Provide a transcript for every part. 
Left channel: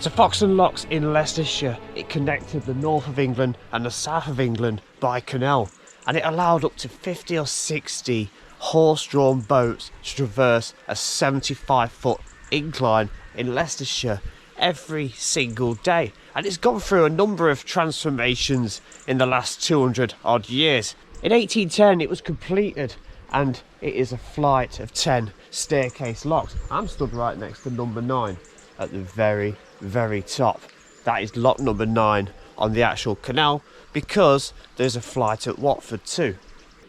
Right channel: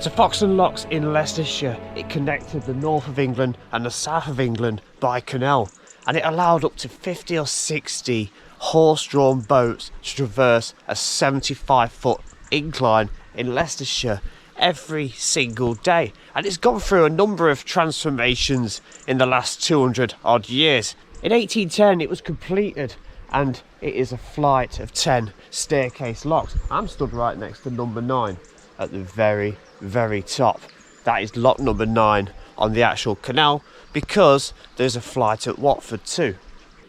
So Foxton Locks in Leicestershire, it connected the north of England and the south of England by canal, and it allowed up to 50 or 60 horse-drawn boats to traverse a 75-foot incline in Leicestershire every single day. And it's gone through a number of transformations in the last 200 odd years. In 1810 it was completed, and it is a flight of 10 staircase locks. I'm stood right next to number 9 at the very top. That is lock number 9 on the actual canal, because there's a flight at Watford too.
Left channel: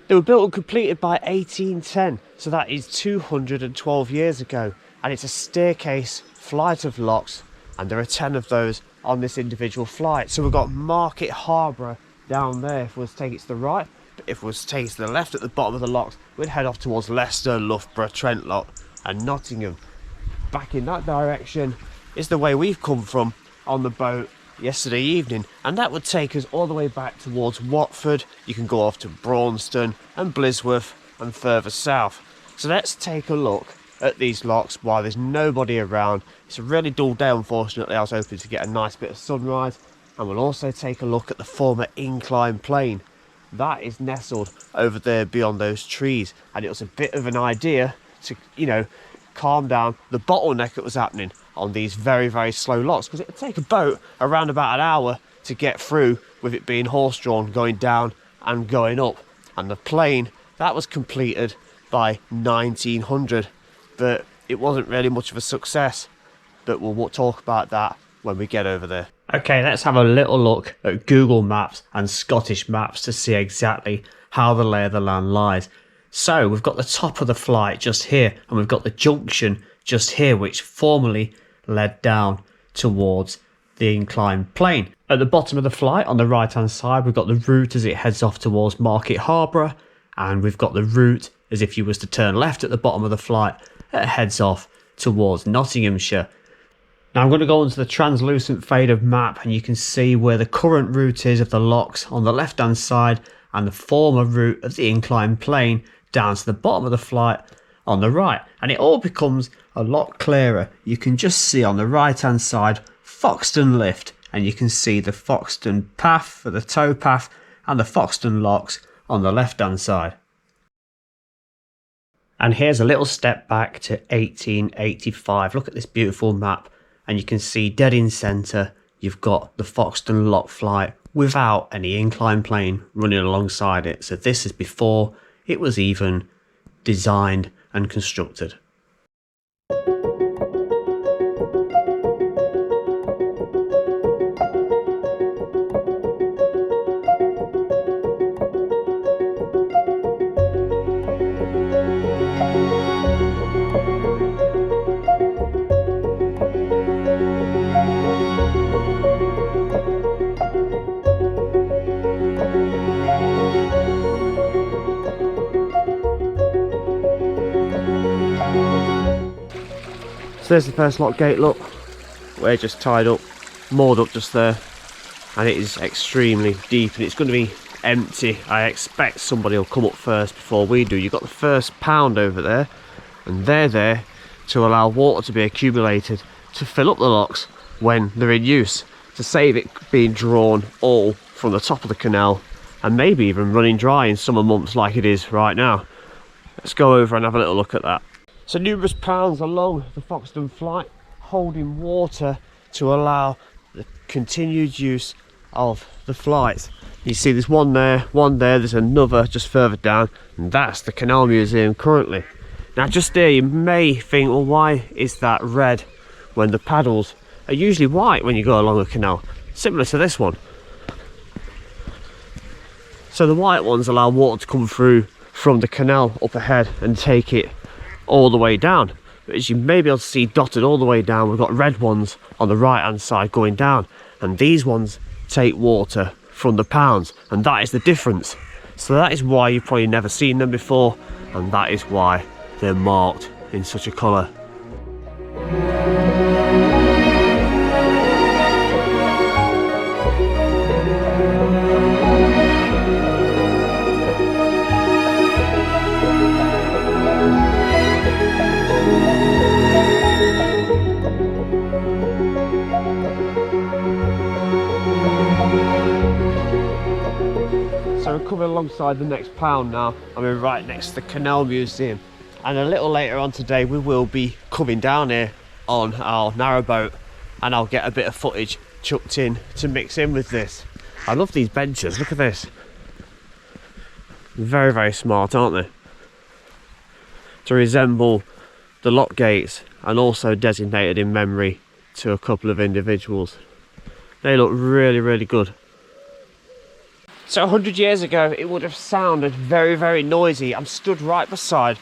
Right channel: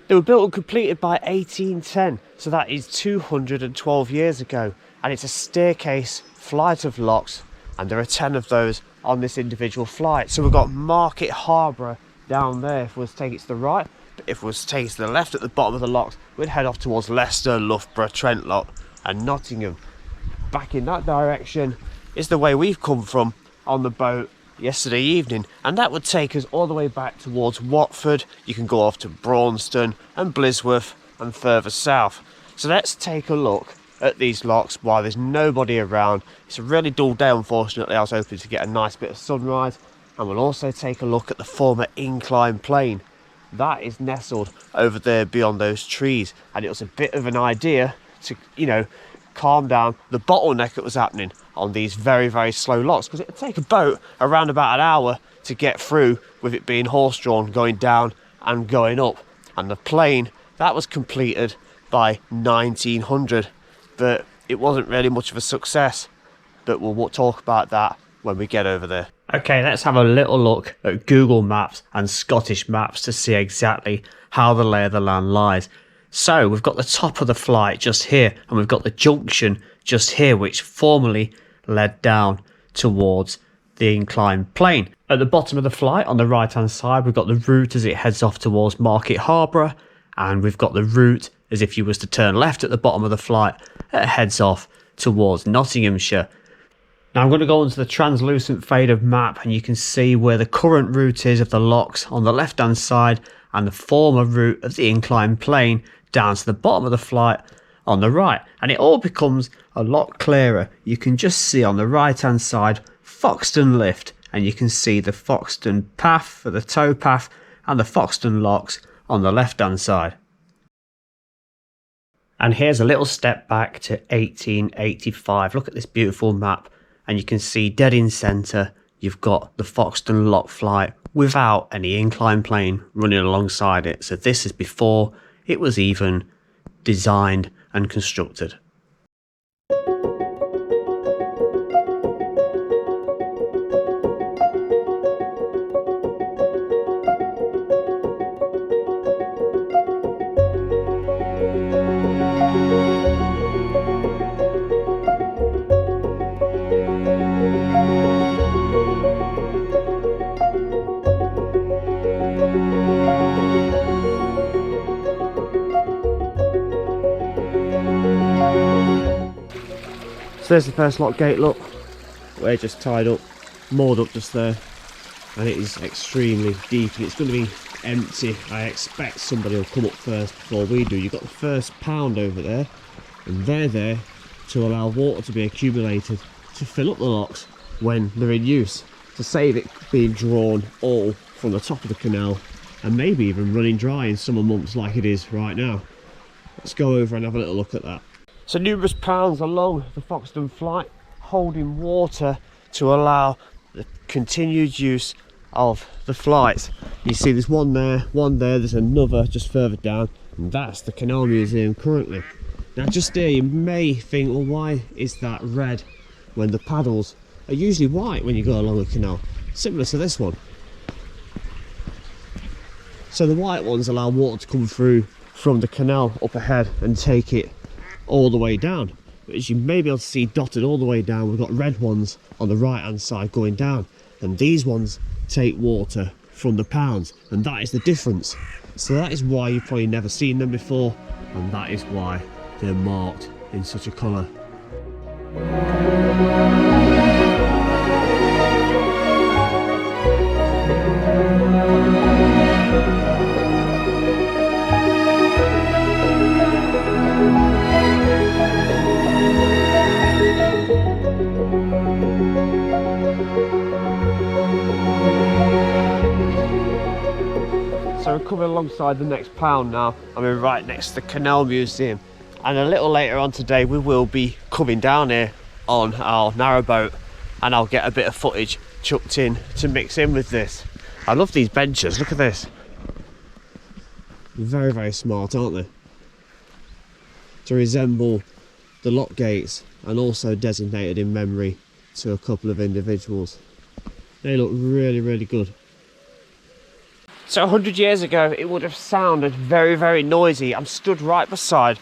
They were built and completed by 1810, so that is 212 years ago, and it's a staircase flight of locks, and there are 10 of those on this individual flight. So we've got Market Harbour down there if we was to take it to the right, but if we was to take it to the left at the bottom of the locks, we'd head off towards Leicester, Loughborough, Trentlock and Nottingham. Back in that direction is the way we've come from on the boat yesterday evening, and that would take us all the way back towards Watford. You can go off to Braunston and Blisworth and further south. So let's take a look at these locks while there's nobody around. It's a really dull day, unfortunately. I was hoping to get a nice bit of sunrise, and we'll also take a look at the former Incline Plane. That is nestled over there beyond those trees, and it was a bit of an idea to, calm down the bottleneck that was happening on these very slow locks, because it would take a boat around about an hour to get through, with it being horse-drawn going down and going up. And the plane, that was completed by 1900, but it wasn't really much of a success. But we'll talk about that when we get over there. Okay, let's have a little look at Google Maps and Scottish Maps to see exactly how the lay of the land lies. So we've got the top of the flight just here, and we've got the junction just here, which formerly led down towards the Incline Plane. At the bottom of the flight on the right hand side, we've got the route as it heads off towards Market Harbour, and we've got the route as if you was to turn left at the bottom of the flight, it heads off towards Nottinghamshire. Now I'm going to go onto the translucent faded map, and you can see where the current route is of the locks on the left hand side, and the former route of the Incline Plane down to the bottom of the flight on the right, and it all becomes a lot clearer. You can just see on the right hand side Foxton Lift, and you can see the Foxton path for the towpath and the Foxton Locks on the left hand side. And here's a little step back to 1885. Look at this beautiful map, and you can see dead in centre you've got the Foxton Lock flight without any Incline Plane running alongside it. So this is before it was even designed and constructed. So there's the first lock gate, look. We're just tied up, moored up just there, and it is extremely deep, and it's going to be empty. I expect somebody will come up first before we do. You've got the first pound over there, and they're there to allow water to be accumulated to fill up the locks when they're in use, to save it being drawn all from the top of the canal, and maybe even running dry in summer months like it is right now. Let's go over and have a little look at that. So numerous pounds along the Foxton flight holding water to allow the continued use of the flights. You see there's one there, there's another just further down, and that's the Canal Museum currently. Now just there you may think, well, why is that red when the paddles are usually white when you go along a canal? Similar to this one. So the white ones allow water to come through from the canal up ahead and take it all the way down. But as you may be able to see dotted all the way down, we've got red ones on the right hand side going down, and these ones take water from the pounds, and that is the difference. So that is why you've probably never seen them before, and that is why they're marked in such a colour. coming alongside the next pound now, and we're right next to the Canal Museum. And a little later on today, we will be coming down here on our narrowboat, and I'll get a bit of footage chucked in to mix in with this. I love these benches, look at this. Very, very smart, aren't they? To resemble the lock gates, and also designated in memory to a couple of individuals. They look really, really good. So 100 years ago, it would have sounded very, very noisy. I'm stood right beside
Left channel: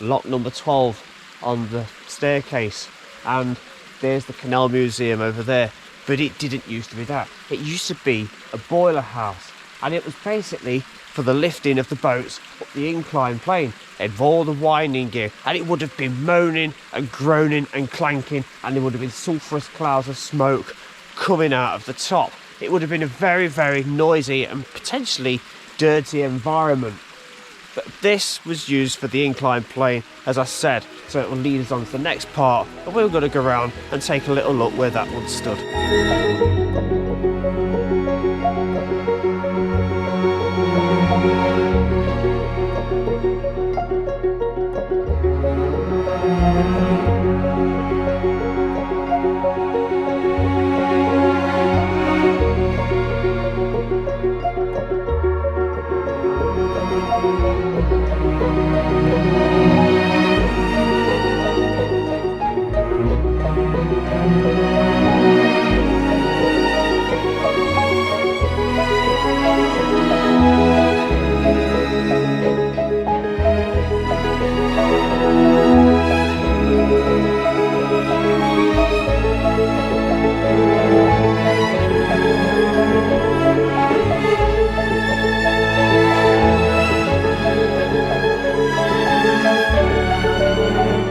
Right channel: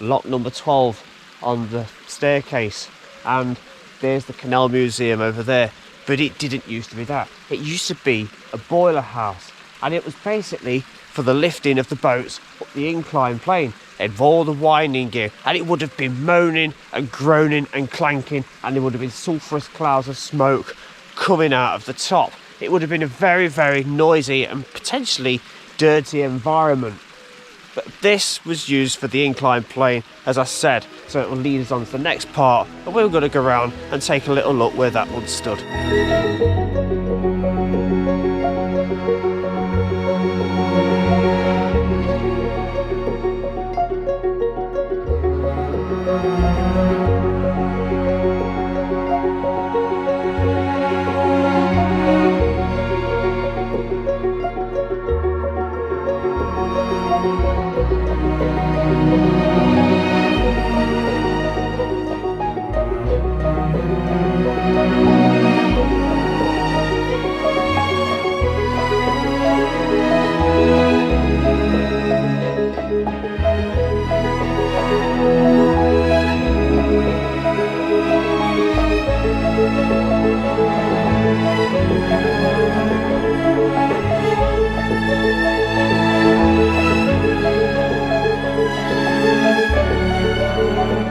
lock number 12 on the staircase, and there's the Canal Museum over there. But it didn't used to be that. It used to be a boiler house, and it was basically for the lifting of the boats up the Incline Plane. They'd all the winding gear, and it would have been moaning and groaning and clanking, and there would have been sulphurous clouds of smoke coming out of the top. It would have been a very, very noisy and potentially dirty environment. But this was used for the Incline Plane, as I said, so it will lead us on to the next part, and we're going to go around and take a little look where that one stood.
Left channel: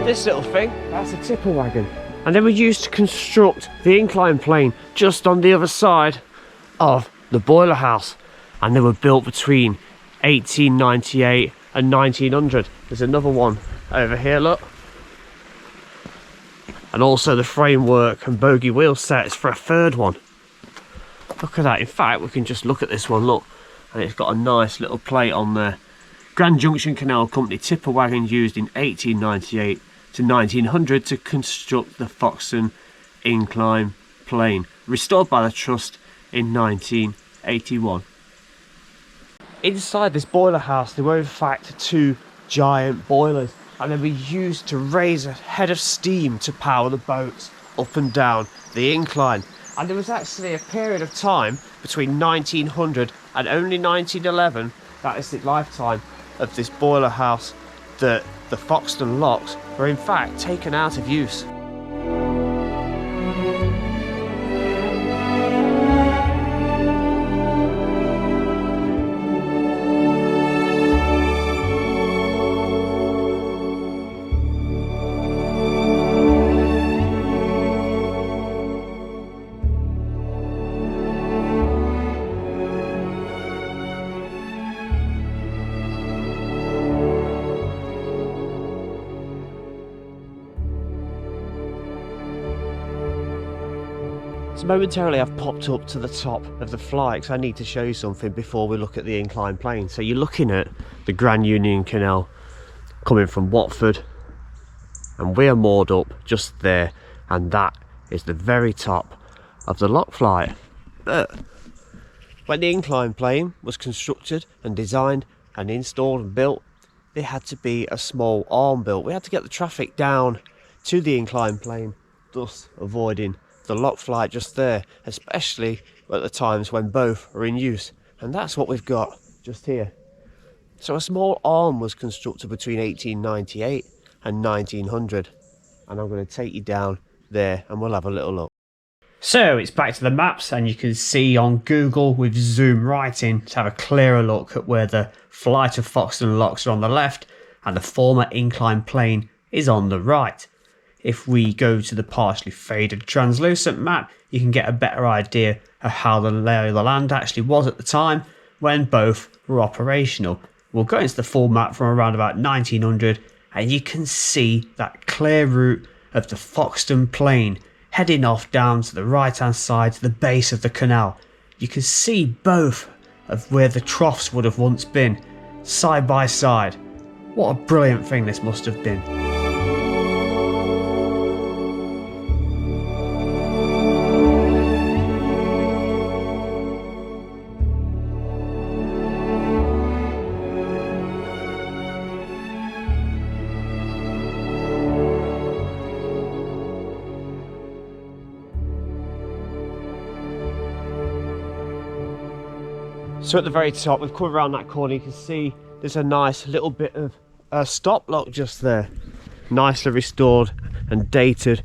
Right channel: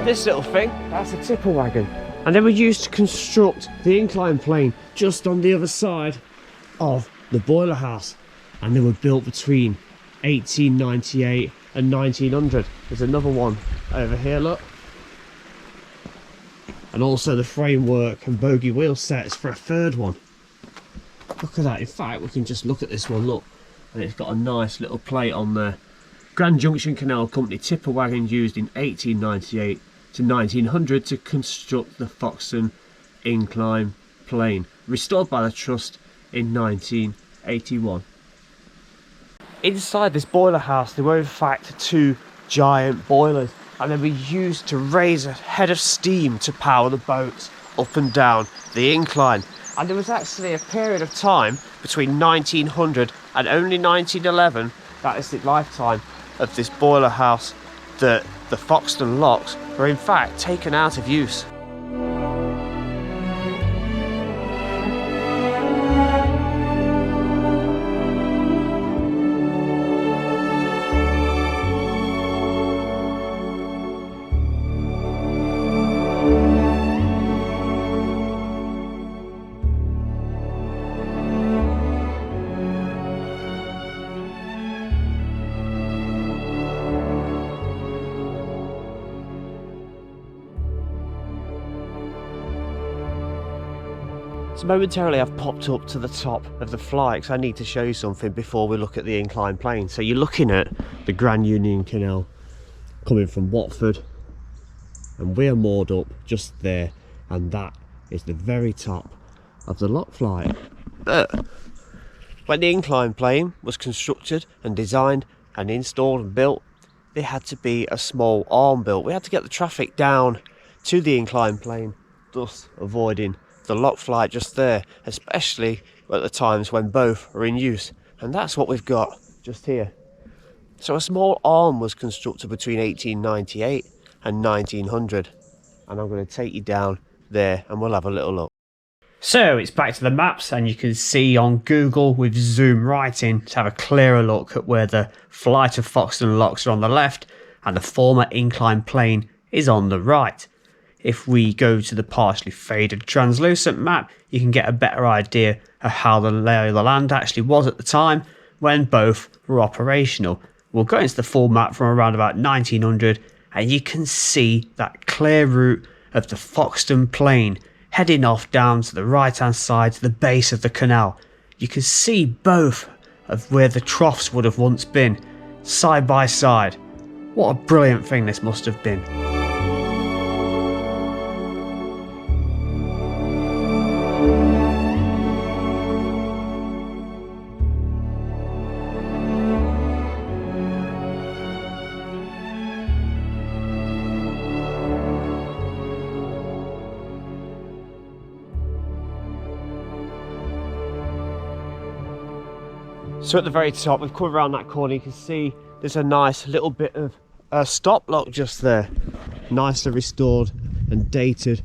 This little thing, that's a tipper wagon, and they were used to construct the Incline Plane just on the other side of the boiler house, and they were built between 1898 and 1900. There's another one over here, look, and also the framework and bogie wheel sets for a third one. Look at that. In fact, we can just look at this one, look, and it's got a nice little plate on there. Grand Junction Canal Company tipper wagon used in 1898 to 1900 to construct the Foxton Incline Plane, restored by the Trust in 1981. Inside this boiler house, there were in fact two giant boilers, and they were used to raise a head of steam to power the boats up and down the incline. And there was actually a period of time between 1900 and only 1911, that is the lifetime of this boiler house, that the Foxton Locks were in fact taken out of use. So momentarily I've popped up to the top of the fly because I need to show you something before we look at the Incline Plane. So you're looking at the Grand Union Canal coming from Watford, and we're moored up just there, and that is the very top of the lock flight. But when the Incline Plane was constructed and designed and installed and built, there had to be a small arm built. We had to get the traffic down to the Incline Plane, thus avoiding the lock flight just there, especially at the times when both are in use, and that's what we've got just here. So a small arm was constructed between 1898 and 1900, and I'm going to take you down there and we'll have a little look. So it's back to the maps, and you can see on Google we've zoomed right in to have a clearer look at where the flight of Foxton Locks are on the left and the former Incline Plane is on the right. If we go to the partially faded translucent map, you can get a better idea of how the lay of the land actually was at the time when both were operational. We'll go into the full map from around about 1900, and you can see that clear route of the Foxton Plane heading off down to the right hand side to the base of the canal. You can see both of where the troughs would have once been, side by side. What a brilliant thing this must have been. So at the very top, we've come around that corner, you can see there's a nice little bit of a stop lock just there. Nicely restored and dated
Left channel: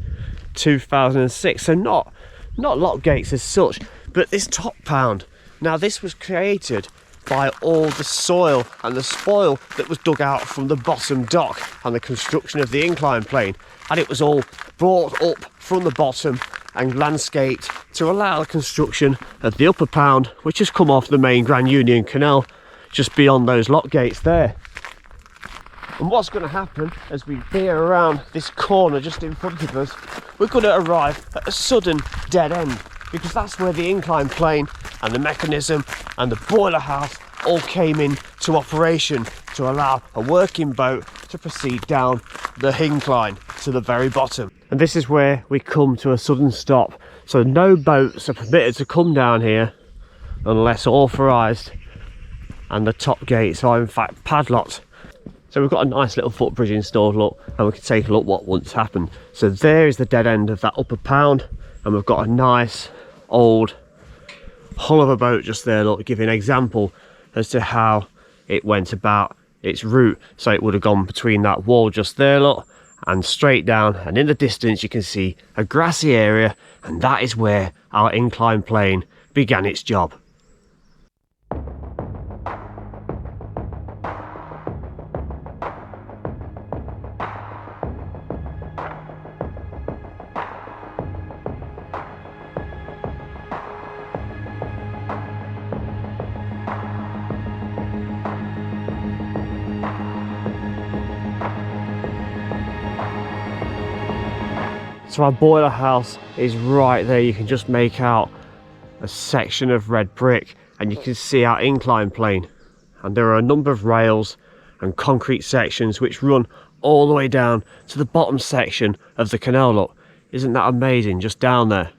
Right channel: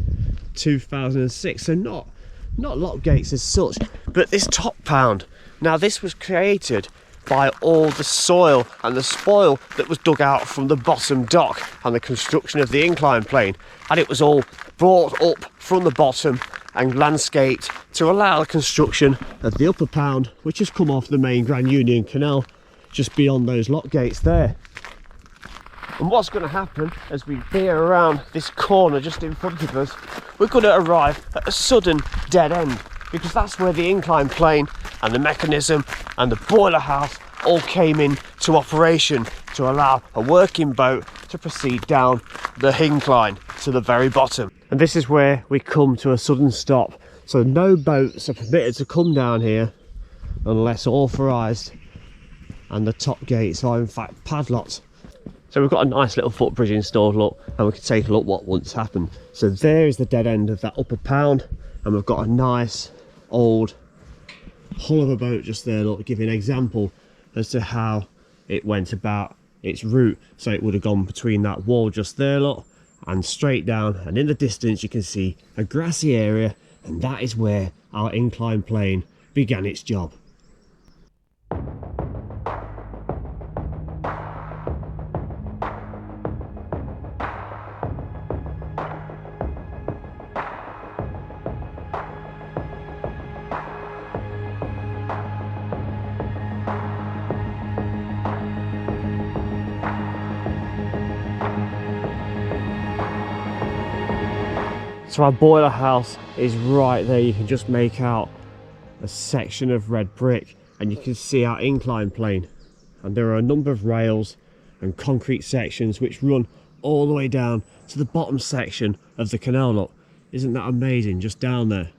2006. So not lock gates as such, but this top pound. Now this was created by all the soil and the spoil that was dug out from the bottom dock and the construction of the incline plane. And it was all brought up from the bottom and landscaped to allow the construction of the upper pound, which has come off the main Grand Union Canal just beyond those lock gates there. And what's going to happen as we veer around this corner just in front of us, we're going to arrive at a sudden dead end, because that's where the incline plane and the mechanism and the boiler house all came into operation to allow a working boat to proceed down the incline to the very bottom. And this is where we come to a sudden stop. So no boats are permitted to come down here unless authorised, and the top gates are in fact padlocked. So we've got a nice little footbridge installed, look, and we can take a look what once happened. So there is the dead end of that upper pound, and we've got a nice old hull of a boat just there, look, giving an example as to how it went about its route. So it would have gone between that wall just there, look, and straight down, and in the distance you can see a grassy area, and that is where our incline plane began its job. So our boiler house is right there. You can just make out a section of red brick, and you can see our incline plane, and there are a number of rails and concrete sections which run all the way down to the bottom section of the canal. Look, isn't that amazing, just down there?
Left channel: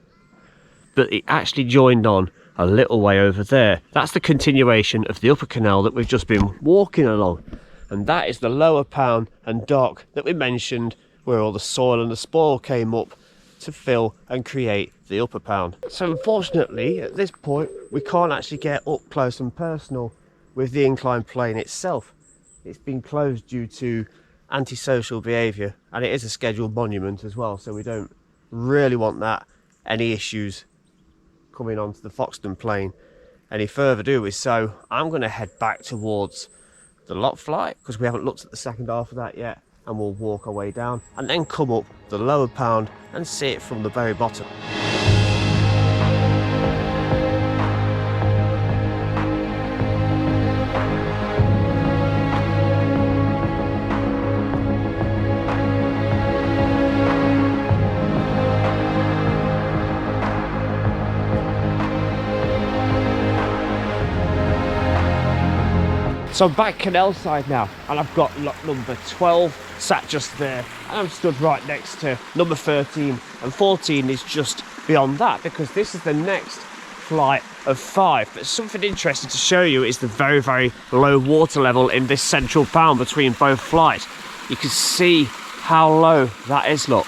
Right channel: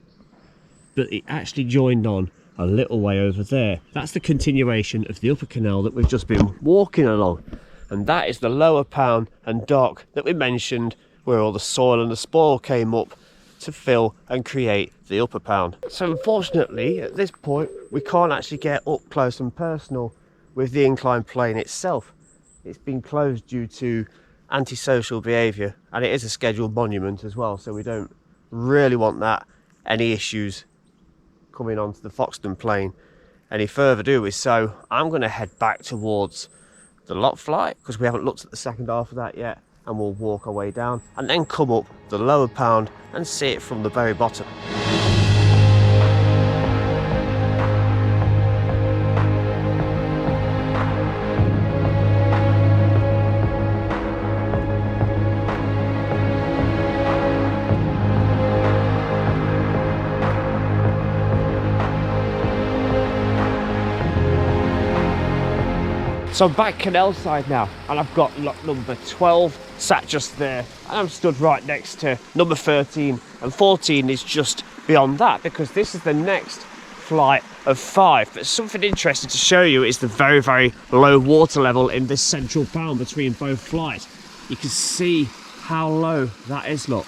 But it actually joined on a little way over there. That's the continuation of the upper canal that we've just been walking along, and that is the lower pound and dock that we mentioned, where all the soil and the spoil came up to fill and create the upper pound. So unfortunately at this point we can't actually get up close and personal with the incline plane itself. It's been closed due to antisocial behaviour, and it is a scheduled monument as well, so we don't really want that any issues coming onto the Foxton plane any further, do we? So I'm going to head back towards the lock flight, because we haven't looked at the second half of that yet, and we'll walk our way down and then come up the lower pound and see it from the very bottom. So I'm back canal side now, and I've got lock number 12 sat just there, and I'm stood right next to number 13, and 14 is just beyond that, because this is the next flight of 5. But something interesting to show you is the very, very low water level in this central pound between both flights. You can see how low that is, look.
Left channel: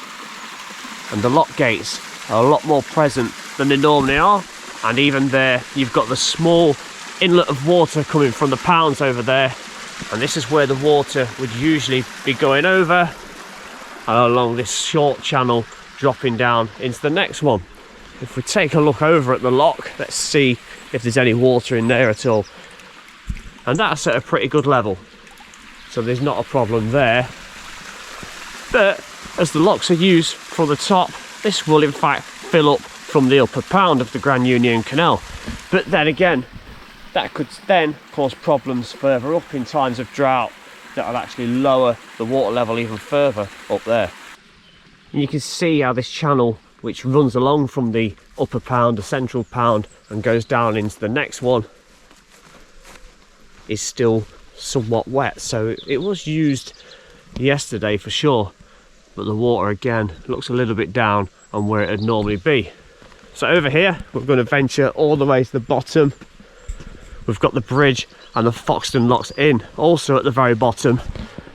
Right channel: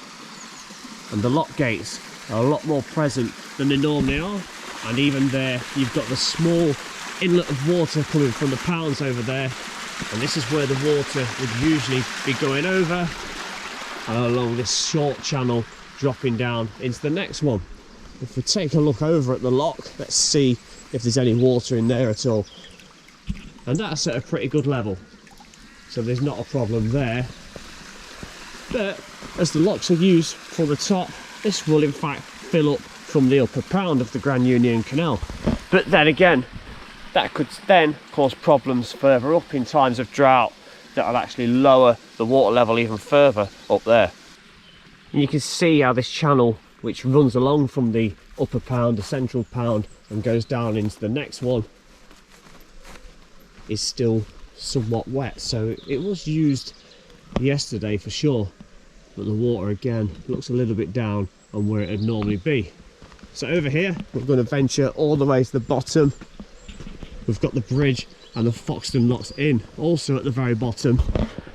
And the lock gates are a lot more present than they normally are, and even there you've got the small inlet of water coming from the pounds over there, and this is where the water would usually be going over and along this short channel dropping down into the next one. If we take a look over at the lock, let's see if there's any water in there at all, and that's at a pretty good level, so there's not a problem there. But as the locks are used for the top, this will in fact fill up from the upper pound of the Grand Union Canal. But then again, that could then cause problems further up in times of drought that will actually lower the water level even further up there. And you can see how this channel, which runs along from the upper pound, the central pound, and goes down into the next one, is still somewhat wet, so it was used yesterday for sure, but the water again looks a little bit down on where it'd normally be. So over here we're going to venture all the way to the bottom. We've got the bridge and the Foxton Locks Inn also at the very bottom,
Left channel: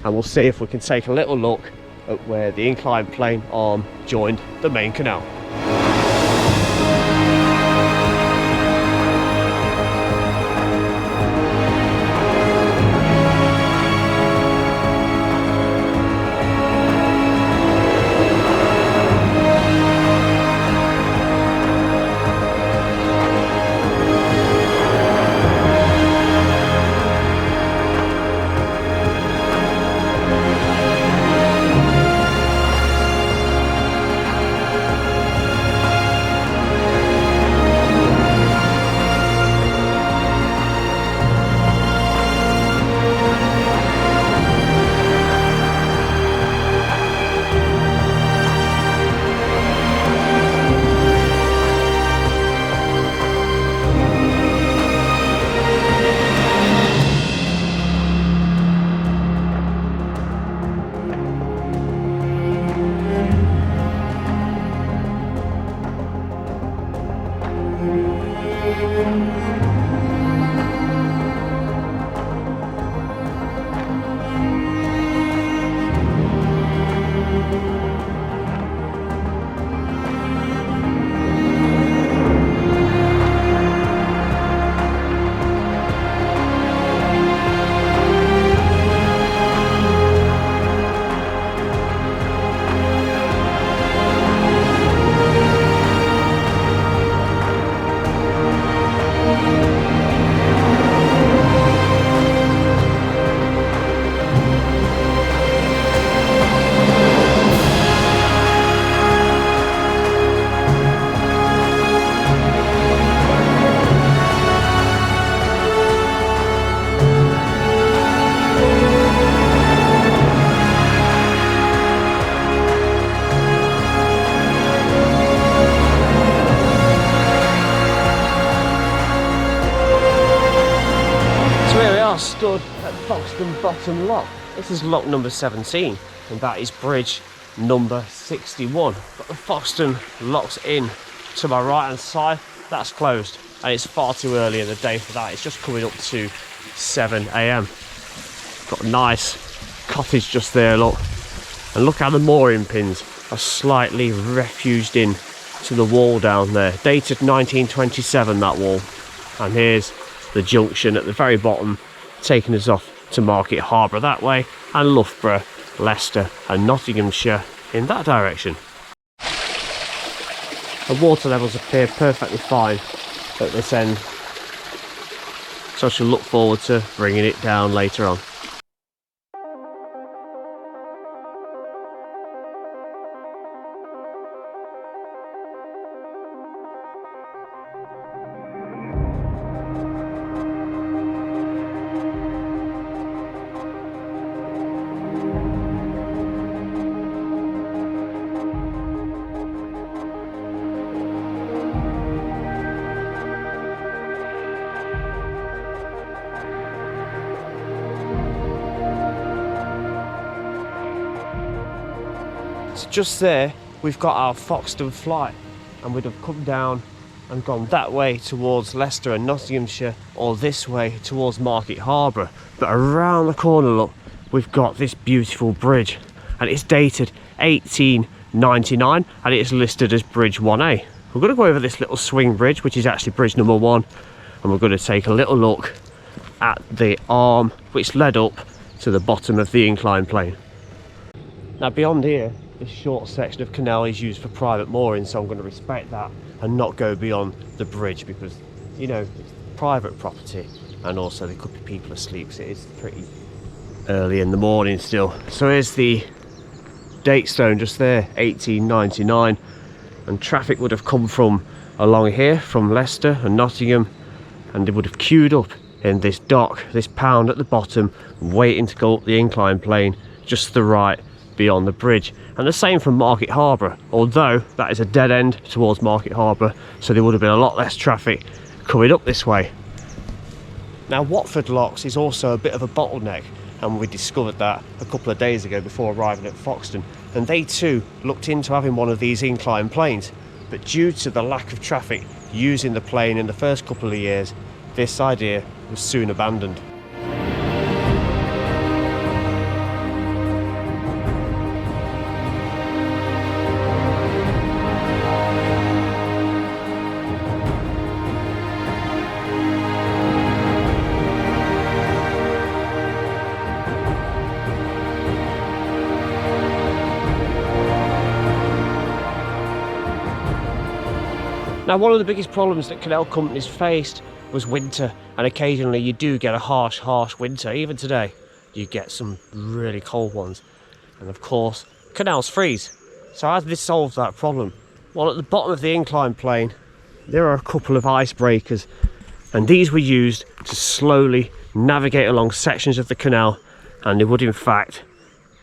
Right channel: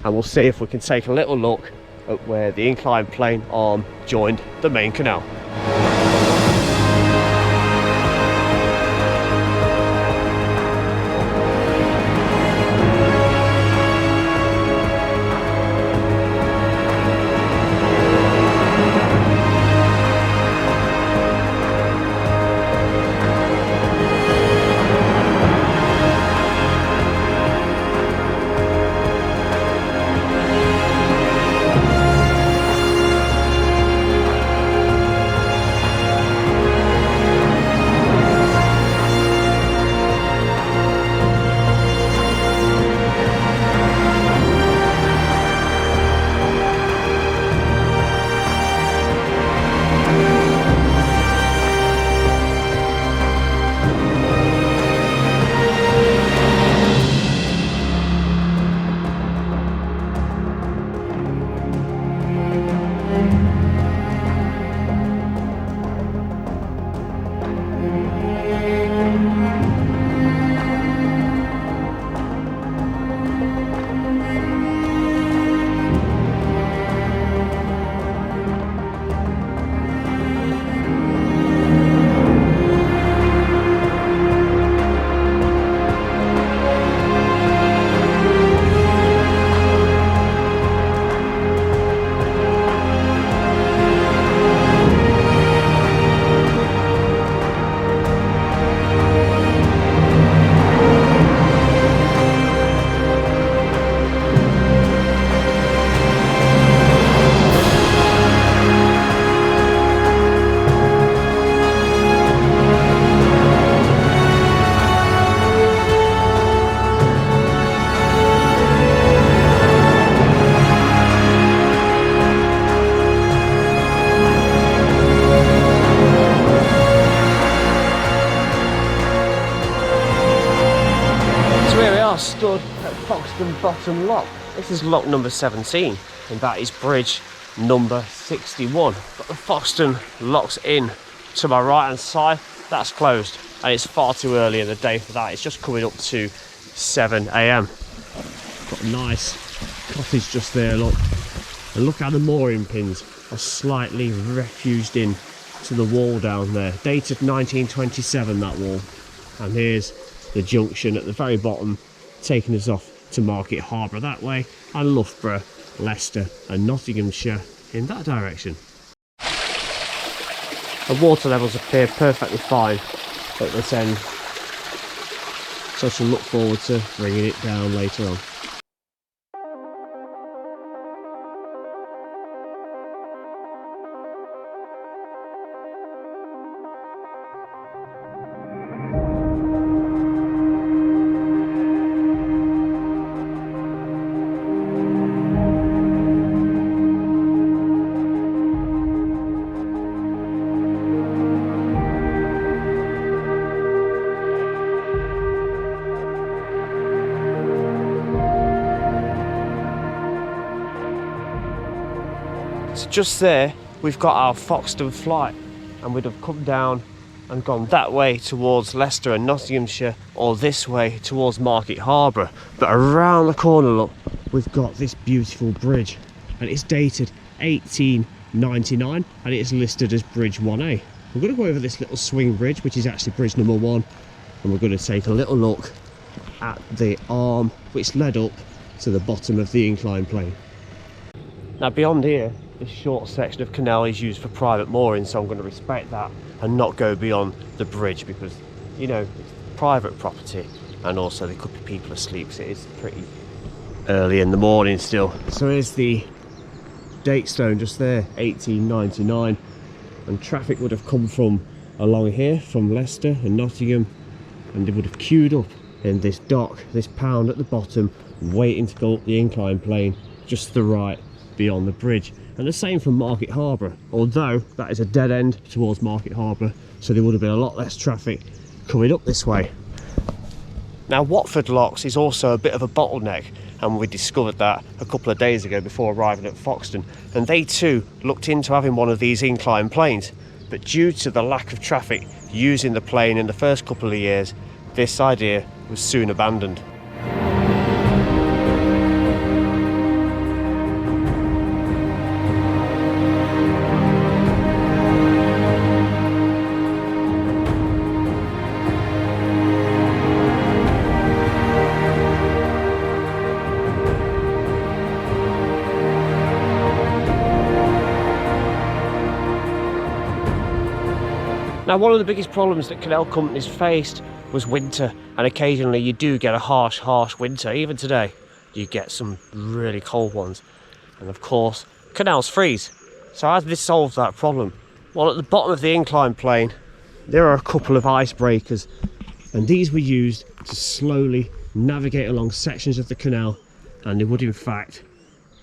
and we'll see if we can take a little look at where the Incline Plane arm joined the main canal. So here we are, stood at Foxton Bottom Lock. This is lock number 17, and that is bridge number 61. Got the Foxton Locks Inn to my right hand side. That's closed, and it's far too early in the day for that. It's just coming up to 7 AM. Got a nice cottage just there, look. And look how the mooring pins are slightly refuged in to the wall down there. Dated 1927, that wall. And here's the junction at the very bottom, taking us off to Market Harbour that way, and Loughborough, Leicester and Nottinghamshire in that direction. The water levels appear perfectly fine at this end, so I shall look forward to bringing it down later on. So just there we've got our Foxton flight, and we'd have come down and gone that way towards Leicester and Nottinghamshire, or this way towards Market Harbour. But around the corner, look, we've got this beautiful bridge, and it's dated 1899 and it's listed as bridge 1A. We're going to go over this little swing bridge, which is actually bridge number 1, and we're going to take a little look at the arm which led up to the bottom of the Incline Plane. Now beyond here, this short section of canal is used for private mooring, so I'm going to respect that and not go beyond the bridge, because, you know, it's private property, and also there could be people asleep, so it's pretty early in the morning still. So here's the date stone just there, 1899, and traffic would have come from along here from Leicester and Nottingham, and they would have queued up in this dock, this pound at the bottom, waiting to go up the Incline Plane just to the right beyond the bridge. And the same from Market Harbour, although that is a dead end towards Market Harbour, so there would have been a lot less traffic coming up this way. Now Watford Locks is also a bit of a bottleneck, and we discovered that a couple of days ago before arriving at Foxton, and they too looked into having one of these incline planes, but due to the lack of traffic using the plane in the first couple of years, this idea was soon abandoned. Now, one of the biggest problems that canal companies faced was winter, and occasionally you do get a harsh winter. Even today you get some really cold ones, and of course canals freeze. So how did this solve that problem? Well, at the bottom of the incline plane there are a couple of icebreakers, and these were used to slowly navigate along sections of the canal, and they would in fact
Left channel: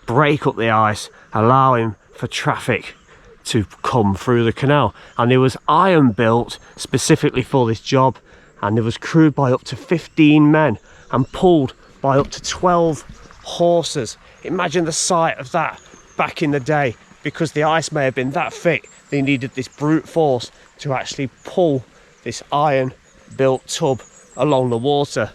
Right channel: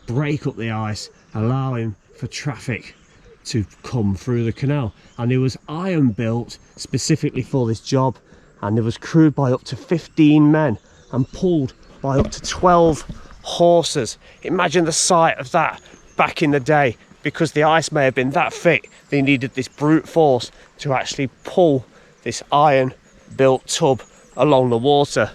break up the ice, allowing for traffic to come through the canal. And there was iron built specifically for this job, and it was crewed by up to 15 men and pulled by up to 12 horses. Imagine the sight of that back in the day. Because the ice may have been that thick, they needed this brute force to actually pull this iron built tub along the water.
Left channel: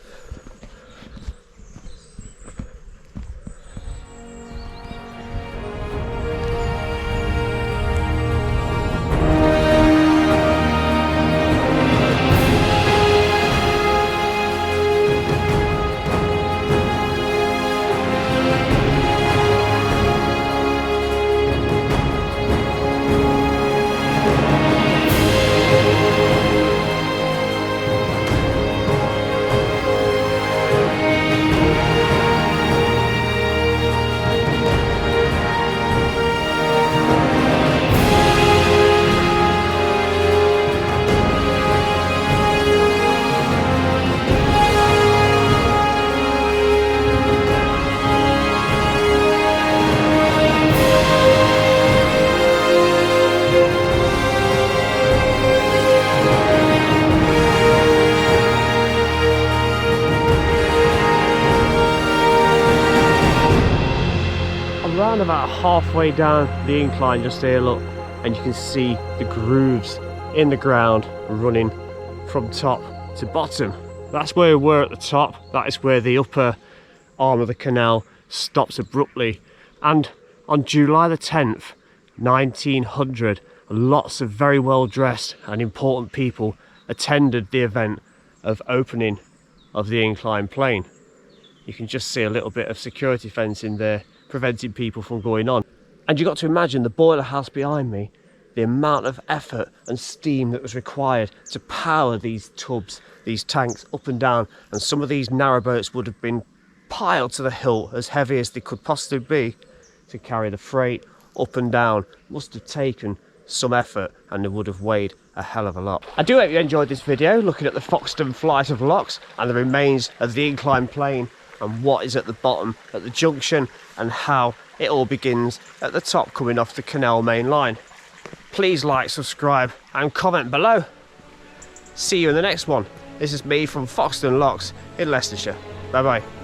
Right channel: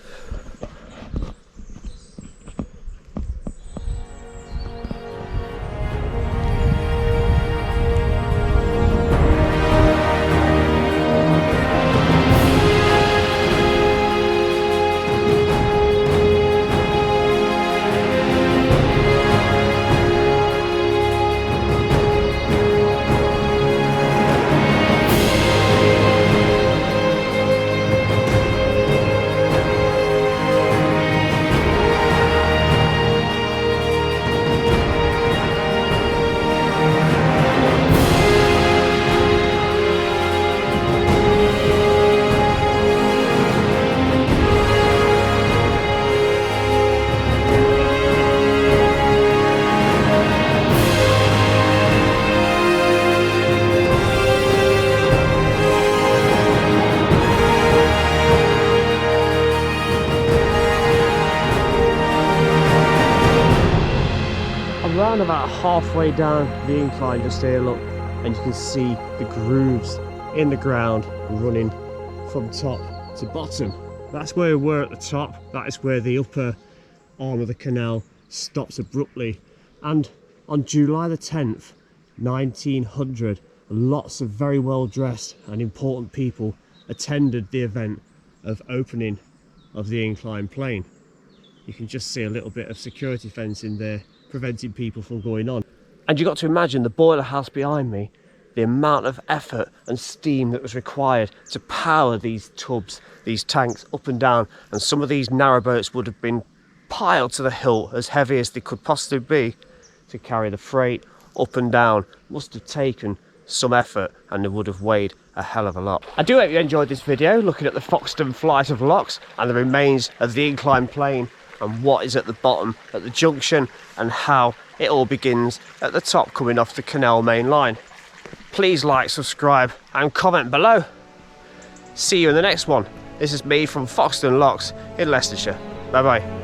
Around about halfway down the incline just here, look, and you can see the grooves in the ground running from top to bottom. That's where we were at the top. That is where the upper arm of the canal stops abruptly. And on July the 10th 1900, lots of very well dressed and important people attended the event of opening of the incline plane. You can just see a little bit of security fencing there preventing people from going on. And you got to imagine the boiler house behind me, the amount of effort and steam that was required to power these tubs, these tanks up and down. And some of these narrowboats would have been piled to the hilt, as heavy as they could possibly be, to carry the freight up and down. Must have taken some effort, and it would have weighed a hell of a lot. I do hope you enjoyed this video looking at the Foxton flight of locks and the remains of the incline plane, and what is at the bottom at the junction, and how it all begins at the top coming off the canal main line. Please like, subscribe and comment below. See you in the next one. This is me from Foxton Locks in Leicestershire. Bye bye.